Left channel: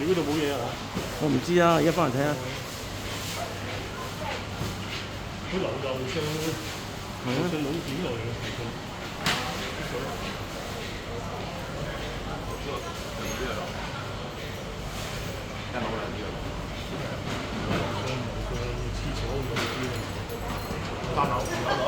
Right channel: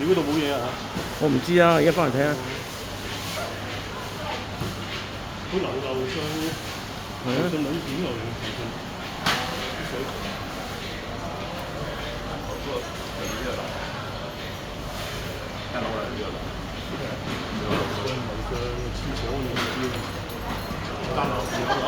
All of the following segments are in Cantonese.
你嗰度冇嘢啊？我唔知啊，而家翻嚟睇下。佢流上係啊。流上腦片來嘅騰訊。上樓上廁所嗰啲，三樓二樓。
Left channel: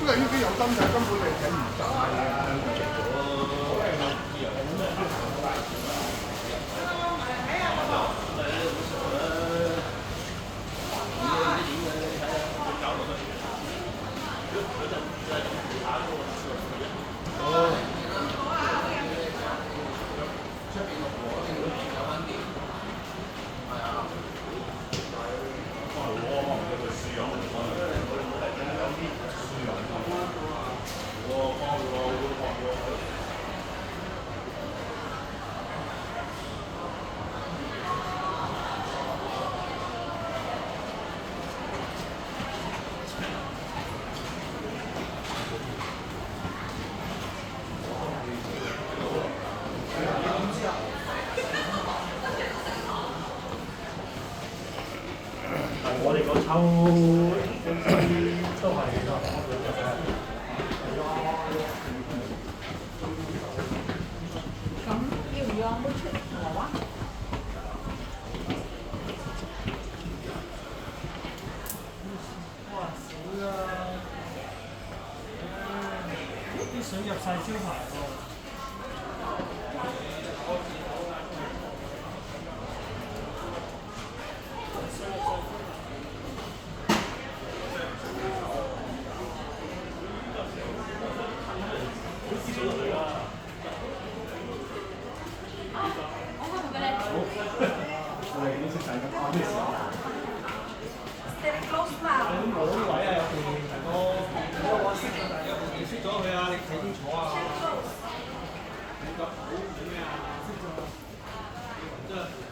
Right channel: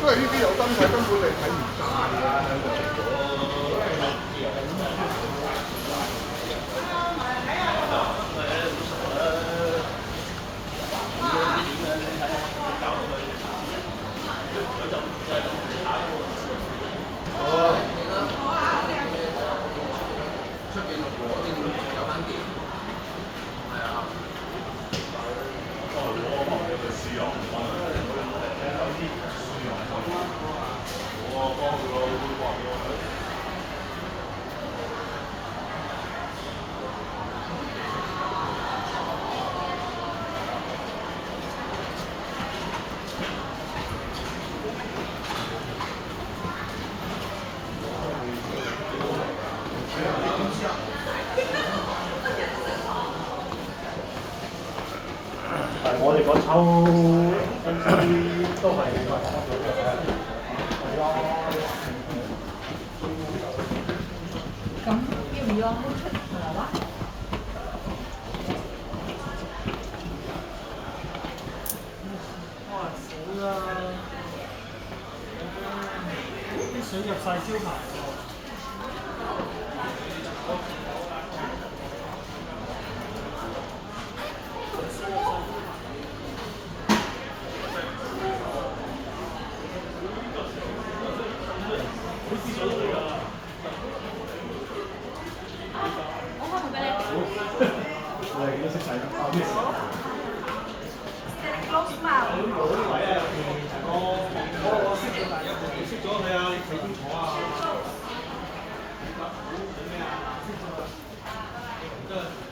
因為呢啲有燈睇，根本你睇唔晒啊！着咗。我哋嗰抽都係咁要唔要阿妹出嚟話？哇！死啦！啲水入晒招牌喎。我識咗，但係有部電熄咗佢啊！你睇清楚啊！識咗。